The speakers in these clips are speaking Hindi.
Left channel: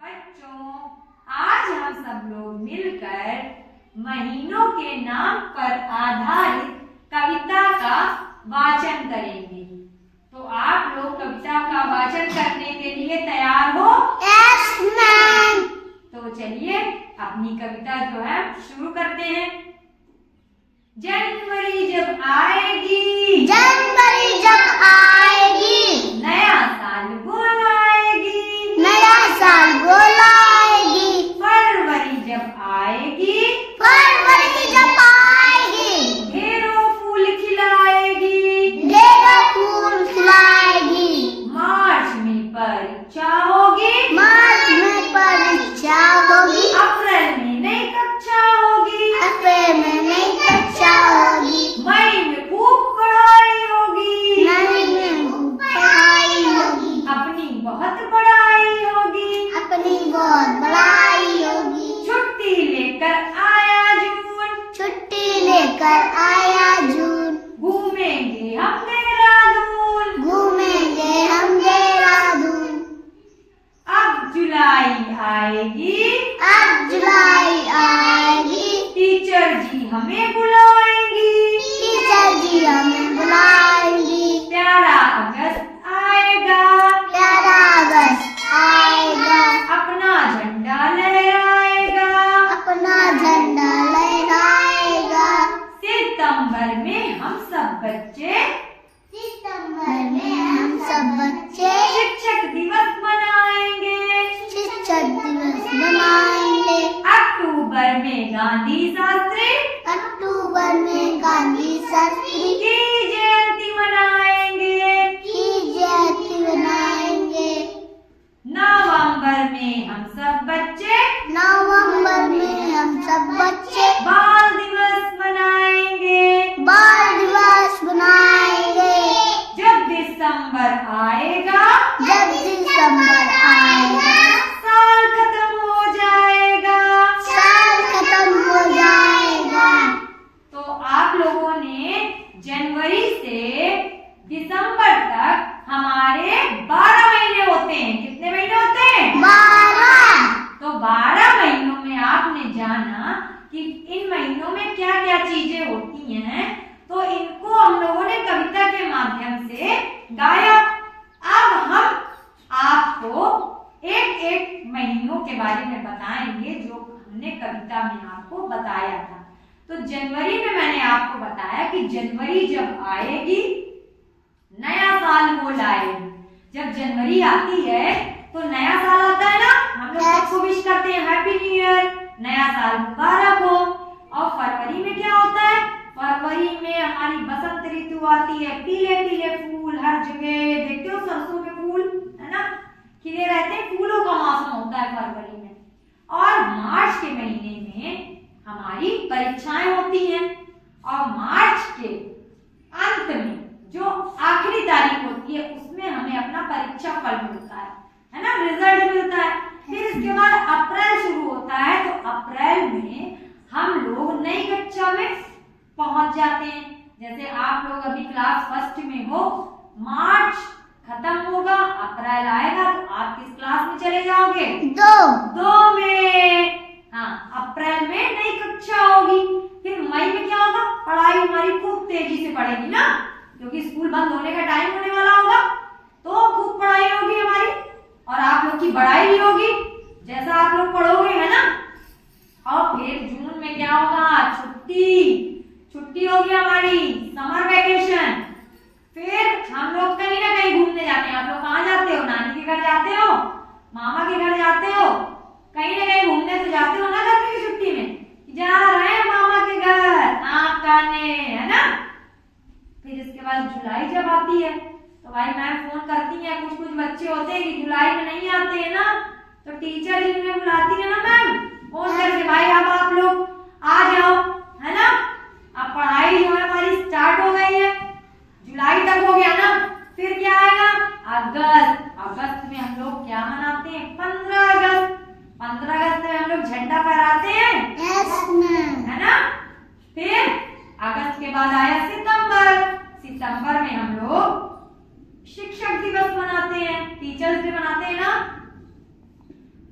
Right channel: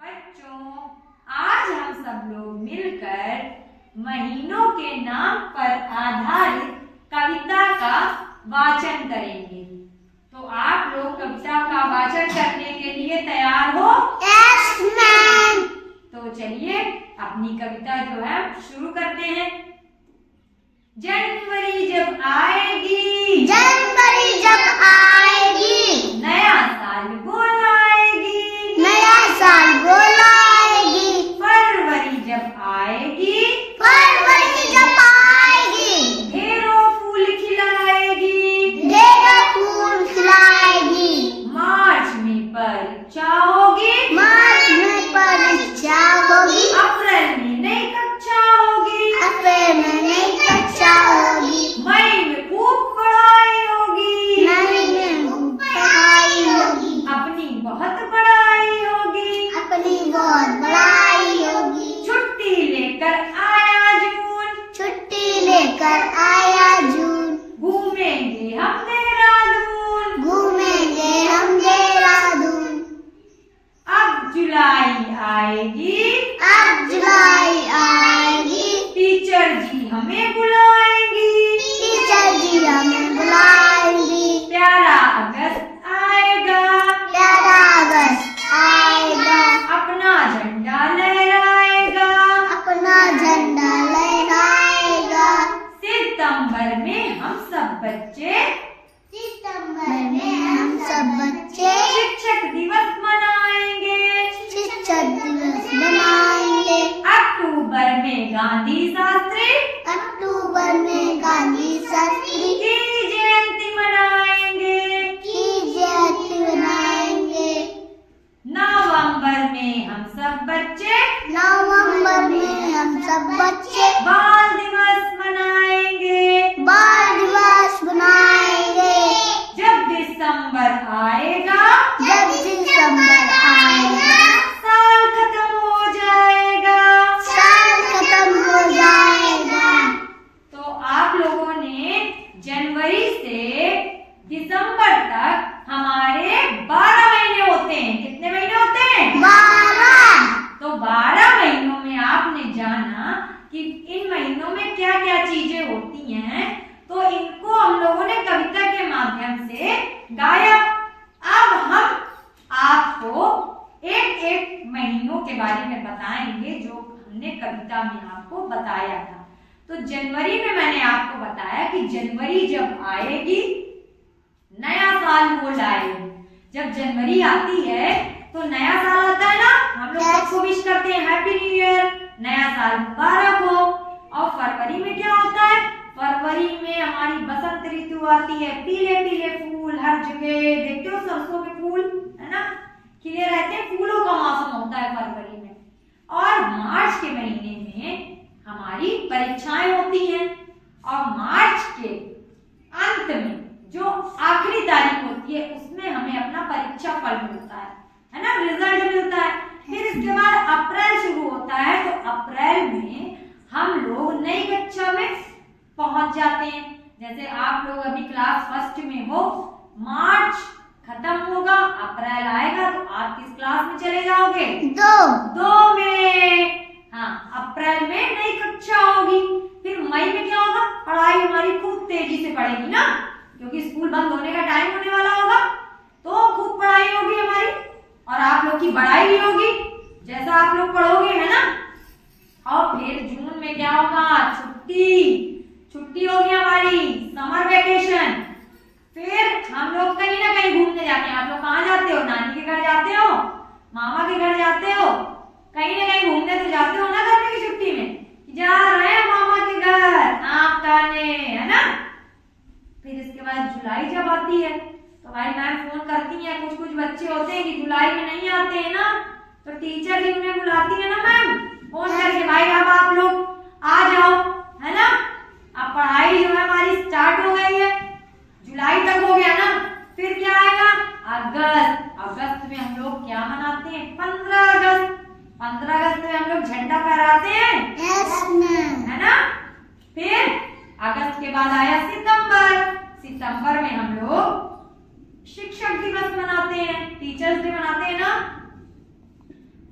बच्चों, आज हम सब लोग मिलकर महीनों के नाम पर आधारित कविता का वाचन करेंगे। तो आप लोग कविता का वाचन करने के लिए तैयार हो? Yes ma'am. तो चलिए अपनी कविता जो है शुरू करते हैं। जनवरी जब आएगी, जनवरी जब आएगी, नया साल बुलाएगी, नया साल बुलाएगी। फरवरी जब आएगी, फरवरी जब आएगी, ढेरों फूल खिलाएगी, ढेरों फूल खिलाएगी। मार्च में परीक्षा होगी, मार्च में परीक्षा होगी, अप्रैल में नई कक्षा होगी, अप्रैल में नई कक्षा होगी, मई में खूब पढ़ाई होगी, मई में खूब पढ़ाई होगी, अपनी बहुत पढ़ाई होगी, अपनी बहुत बड़ाई होगी। छुट्टी लेकर आया जून, छुट्टी लेकर आया जून, घूमेंगे हम देहरादून, घूमेंगे हम देहरादून। अब जुलाई आएगी, अब जुलाई आएगी, टीचर जी हमें बुलाएंगी, टीचर जी हमें बुलाएंगी। प्यारा अगस्त आएगा, प्यारा अगस्त आएगा, अपना झंडा लहराएगा, अपना झंडा लहराएगा। सितंबर में हम सब बच्चे, सितंबर में हम सब बच्चे शिक्षक दिवस मनाएंगे, शिक्षक दिवस मनाएंगे। अक्टूबर में गांधी शास्त्री अक्टूबर में गांधी शास्त्री की जयंती मनाएंगे, की जयंती मनाएंगे। नवंबर में हम सब बच्चे नवंबर में हम सब बच्चे बाल दिवस मनाएंगे, बाल दिवस मनाएंगे। जब दिसंबर आएगा, जब दिसंबर आएगा, साल खत्म हो जाएगा। साल खत्म हो जाएगा। तो आप लोगों ने जनवरी से दिसंबर तक हमारे 12 महीने होते हैं। कितने महीने होते हैं? 12। तो 12 महीनों में आपने जाना कि इन महीनों में क्या क्या चीजें होती हैं, तो इनको हम लोगों ने कविता के माध्यम से गाया। अब हम आपको एक एक महीनों के बारे में बताएंगे जो हमने कविता में आपको बताया था। तो जनवरी में मैंने आपको बताया कि जनवरी जब आएगी, नया साल वो लाएगी। जब जनवरी आती है तो नया साल आता है ना, हम लोग सबको विश करते हैं हैप्पी न्यू ईयर, नया साल मुबारक हो। और फरवरी में क्या होता है? फरवरी में हमारी बसंत ऋतु आती है, पीले पीले फूल हर जगह देखते हो, सरसों के फूल है ना खिले रहते हैं, फूलों का मौसम होता है फरवरी में। और मार्च के महीने में हमारी परीक्षाएं होती हैं, और मार्च के अंत में जो आखिरी तारीख होती है उसमें हमें अपना परीक्षा फल मिलता है ना, रिजल्ट मिलता है। फिर इसके बाद अप्रैल शुरू होता है, तो अप्रैल में हम लोग नई कक्षा में पहुंच जाते हैं। जैसे आप लोग अभी क्लास फर्स्ट में हो, मार्च खत्म होगा, अप्रैल आएगा, तो आप किस क्लास में चले जाओगे? 2 में। हाँ, अप्रैल में नई कक्षा होगी। फिर मई में क्या होगा? पढ़ाई हमारी खूब तेजी से पढ़ेगी ना, क्योंकि स्कूल बंद होने का टाइम होने वाला होगा, तो खूब पढ़ाई होगी हमारी, और आप लोग की बढ़ाई भी होगी जैसा आप लोग पढ़ोगे, है ना। और फिर जून में क्या होगा? छुट्टी होगी हमारी, समर वेकेशन। फिर हम लोग कहीं ना कहीं घूमने जाते हैं। आप लोग कहाँ जाते हो? नानी के घर जाते हो, मामा के घर जाते हो, कहीं ना कहीं घूमने तो जाते हो ना गर्मी की छुट्टी में, जा रहे हैं मामा के घर आम खाने, है ना। फिर इसके बाद जुलाई जब आती है तो भाई मैम फोन करती है, कुछ कुछ बच्चे होते हैं कि जुलाई में नहीं आते हैं ना, तो टीचर जी उन्हें बुलाती है ना मैम फोन करके, भाई अब आप लोग आ जाओ, है ना। अब पढ़ाई जो है हमारी स्टार्ट हो गई है, जुलाई तक हो गया ना। फिर क्या आएगा? अगस्त में हम लोग क्या मनाते हैं? 15 अगस्त। 15 अगस्त में हम लोग झंडा फहराते हैं, है ना। फिर अगस्त के बाद आया सितंबर में हम लोग शिक्षक दिवस मनाते हैं, टीचर्स डे मनाते हैं ना।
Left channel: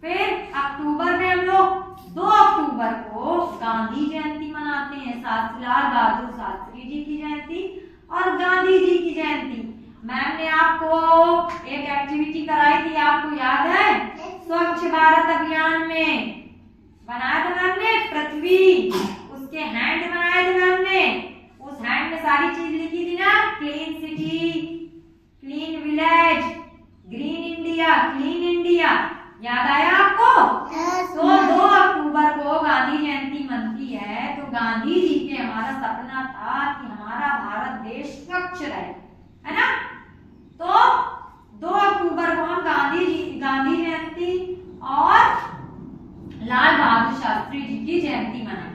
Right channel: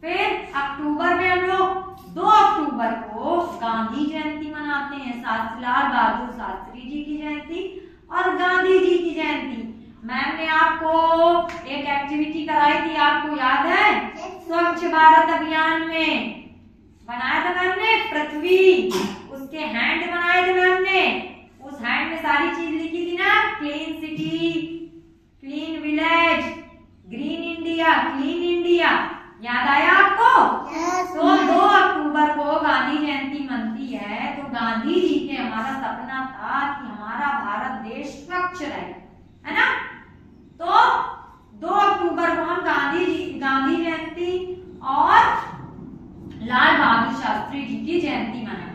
फिर अक्टूबर में हम लोग 2 अक्टूबर को गांधी जयंती मनाते हैं, लाल बहादुर शास्त्री जी की जयंती और गांधी जी की जयंती। मैम ने आपको एक एक्टिविटी कराई थी, आपको याद है? स्वच्छ भारत अभियान में बनाया था मैम ने पृथ्वी, उसके हैंड बनाए थे मैम ने, उस हैंड में सारी चीज लिखी थी ना, clean city, clean village, green India, clean India. याद आया आपको? तो 2 अक्टूबर को गांधी जयंती मनती है, तो गांधी जी के हमारा सपना था कि हमारा भारत देश स्वच्छ रहे, है ना? तो 2 अक्टूबर को हम गांधी जयंती और लाल बहादुर शास्त्री जी की जयंती मनाएंगे।